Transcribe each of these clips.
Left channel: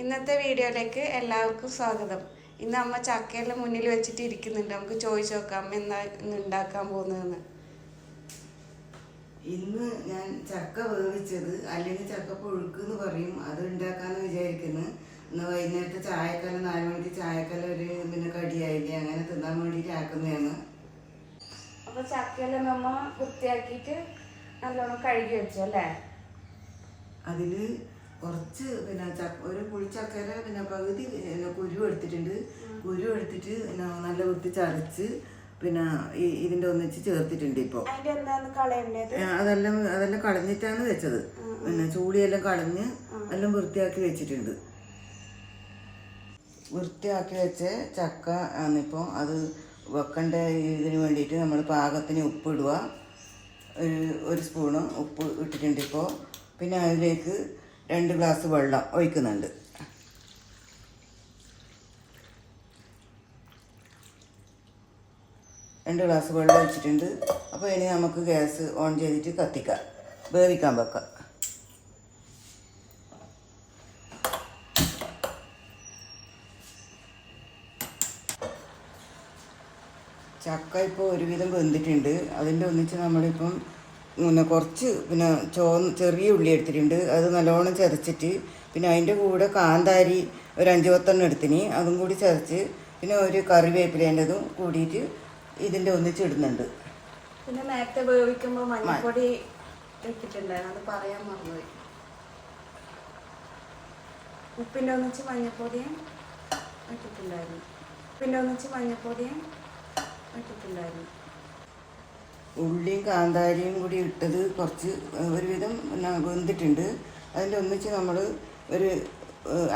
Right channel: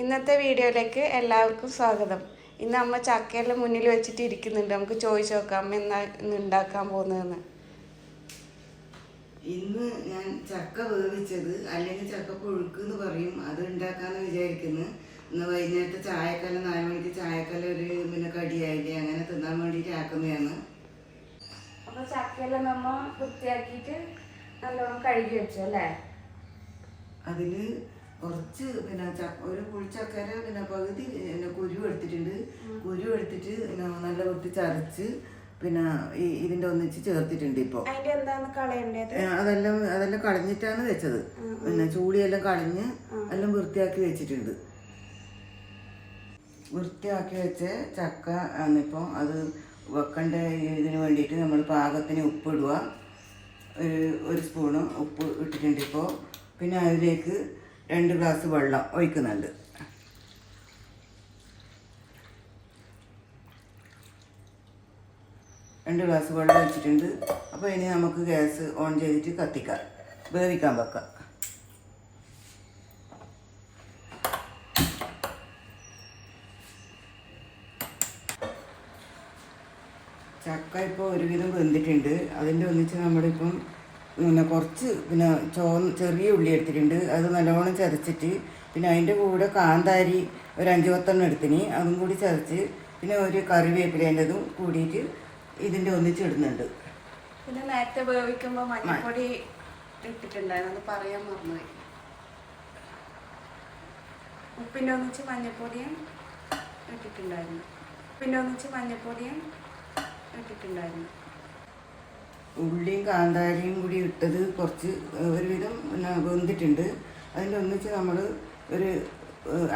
ഇന്നത്തെ വീഡിയോയിലേക്ക് എല്ലാവർക്കും സ്വാഗതം. ഇന്ന് അമ്മ ചക്കയെല്ലാം മുന്നിൽ വെച്ചിട്ട് ഇരിക്കുന്നുണ്ട്. നമുക്ക് ചോദിച്ചു നോക്കാം അമ്മ എന്നാ ഇന്ന് ഉണ്ടാക്കാൻ പോകുന്നതെന്ന്. ഇന്ന് ഞാൻ ചക്ക വേവിച്ചത് അല്ലെങ്കിൽ ചക്ക പുഴുക്ക് എന്ന് പറയും. അത് ഉണ്ടാക്കാന്ന് വിചാരിക്കുന്നു. ഇന്ന് വൈകുന്നേരത്തെ ചായക്കല്ല നാല് മണിക്ക് ചായക്കല്ല ഒരു പിന്നെ കടിയായില്ലേ അങ്ങനെ തിന്നാൻ വേണ്ടിട്ട് ആക്കുന്നതാണ്. അപ്പൊ ചക്കയെല്ലാം നമ്മ വൃത്തിയാക്കിയിട്ട് നല്ലോണം കഴുകി വെച്ചു അല്ലേ അതിൽ കുറച്ച് പിന്നെ ഒരു പുളിച്ചക്കര പിന്നെ പകുതി പിന്നെ കുരു എടുത്തിട്ടുണ്ട്. കുരു എടുത്തിട്ട് പിന്നെ നല്ല വൃത്തി ചതച്ച് പിന്നെ ഈ ഇതിന്റെ ഒന്നിച്ച് ചേർത്തിട്ടുണ്ട് ഇപ്പോൾ അതെല്ലാം അതെല്ലാം കളഞ്ഞിട്ടാണ് വെച്ചത്. പിന്നെ ചൂളിയെല്ലാം കളഞ്ഞ് എല്ലാം വൃത്തിയാക്കി വെച്ചിട്ടുണ്ട്. വൃത്തിയാക്കി വെച്ച ചക്ക ആണിപ്പോൾ അത് വെക്കേണ്ട ഇതിന് വേണ്ടിയിട്ട് നമ്മൾ പാകത്തിന് ഉപ്പിടുക ഒരു ഒരു സ്പൂണ് ഉപ്പ് ഇട്ടിട്ടുണ്ട് ഇപ്പോൾ പിന്നെ അതിലേക്ക് രണ്ട് ഗ്ലാസ് വെള്ളം ഒഴിക്കുന്നുണ്ട്. രണ്ട് ഗ്ലാസ് വെള്ളം ഒഴിച്ചിട്ടുണ്ട്. അപ്പോൾ ഇനി നമുക്ക് ഗ്യാസ് ഓൺ ചെയ്തിട്ട് കത്തിക്കാം. വേവിക്കാൻ വെക്കാം. ചക്ക ഇപ്പോൾ ഒരുവിധം വെന്തിട്ടുണ്ട്. അതിന്റെ ഒന്നിച്ച് നമ്മളിപ്പം പിന്നെ കുറച്ച് പിന്നെ ചോ ചെറിയ ഉള്ളി എടുത്തിട്ടുണ്ട്. അത് നല്ലോണം ചതച്ചിട്ട് പിന്നെ അതിന്റെ കൂടെ കാന്താരി ഒരു അഞ്ച് പത്തെണ്ണം എടുത്തിന്. അതും കൂടി ചതച്ച് പിന്നെ ഒരു കറിവേപ്പിലേന്റെതും കൂടിയിട്ട് ഇതിന്റെ ഒന്നിച്ചിടുന്നുണ്ട് പിന്നെ നേരത്തെ ഉപയോഗിക്കുമ്പോൾ മഞ്ഞപ്പൊടി ഇട്ടിട്ടുണ്ടായിരുന്നു. പറയാൻ മറന്നുപോയി. ഉപ്പിന്റെ ഒന്നിച്ച് മഞ്ഞപ്പൊടിയും ഇട്ടിട്ടുണ്ടായിരുന്നു. ഉപ്പിന്റെ ഒന്നിച്ച് മഞ്ഞപ്പൊടിയും ഇട്ടിട്ടുണ്ടായിരുന്നു. ഉള്ളിയും കാന്താരിയും കൂടി ഇട്ടത് കുറച്ച് ഒരുവിധം വെന്തിട്ടുണ്ട്. അതിന്റെ ഒന്നിച്ച് നമ്മൾ ഒരു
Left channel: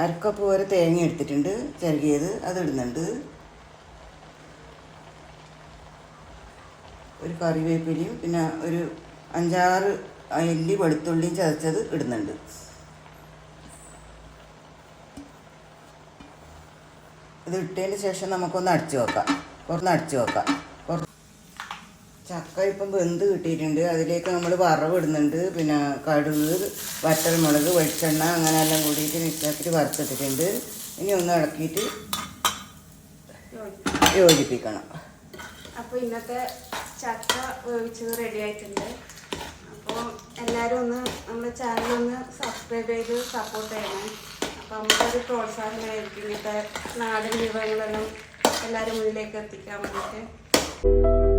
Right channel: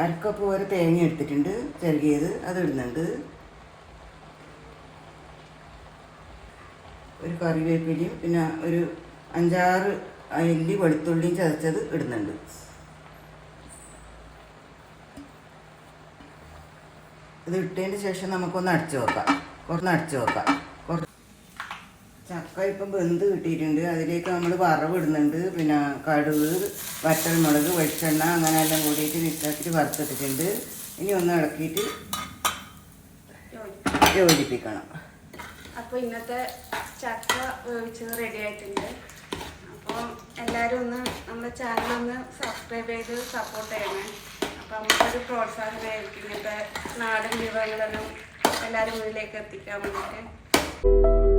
അരക്കപ്പ് പോലെ തേങ്ങ എടുത്തിട്ടുണ്ട് ചിരകിയത് അത് ഇടുന്നുണ്ട്. ഒരു കറിവേപ്പിലയും പിന്നെ ഒരു അഞ്ചാറ് അല്ലി വെളുത്തുള്ളിയും ചതച്ചത് ഇടുന്നുണ്ട്. ഇത് ഇട്ടതിന് ശേഷം നമുക്കൊന്ന് അടച്ചു വെക്കാം. ഒന്ന് അടച്ചു വെക്കാം. ചക്ക ഇപ്പം വെന്ത് കിട്ടിയിട്ടുണ്ട്. അതിലേക്ക് നമ്മൾ വറവിടുന്നുണ്ട് പിന്നെ കടുക് വറ്റൽമുളക് വെളിച്ചെണ്ണ അങ്ങനെ എല്ലാം കൂടിയിട്ട് മിക്സാക്കിയിട്ട് വറുത്തിട്ടിട്ടുണ്ട് ഇനി ഒന്ന് ഇളക്കിയിട്ട് യോജിപ്പിക്കണം. അപ്പോൾ ഇന്നത്തെ ചക്ക വേവിച്ചത് റെഡി ആയിട്ടുണ്ട്. അപ്പോൾ എല്ലാവരും ഒന്ന് നമ്മുടെ ചാനൽ ഒന്ന് സബ്സ്ക്രൈബ് ചെയ്ത് സപ്പോർട്ട് ചെയ്യണം. അപ്പോൾ നമുക്കൊരു പ്രോത്സാഹനമായിരിക്കും. ഇന്നത്തെ നാടൻ വിഭവങ്ങളും എല്ലാവരും മുന്നിലേക്ക് എത്തിക്കാൻ വേണ്ടിയിട്ട്.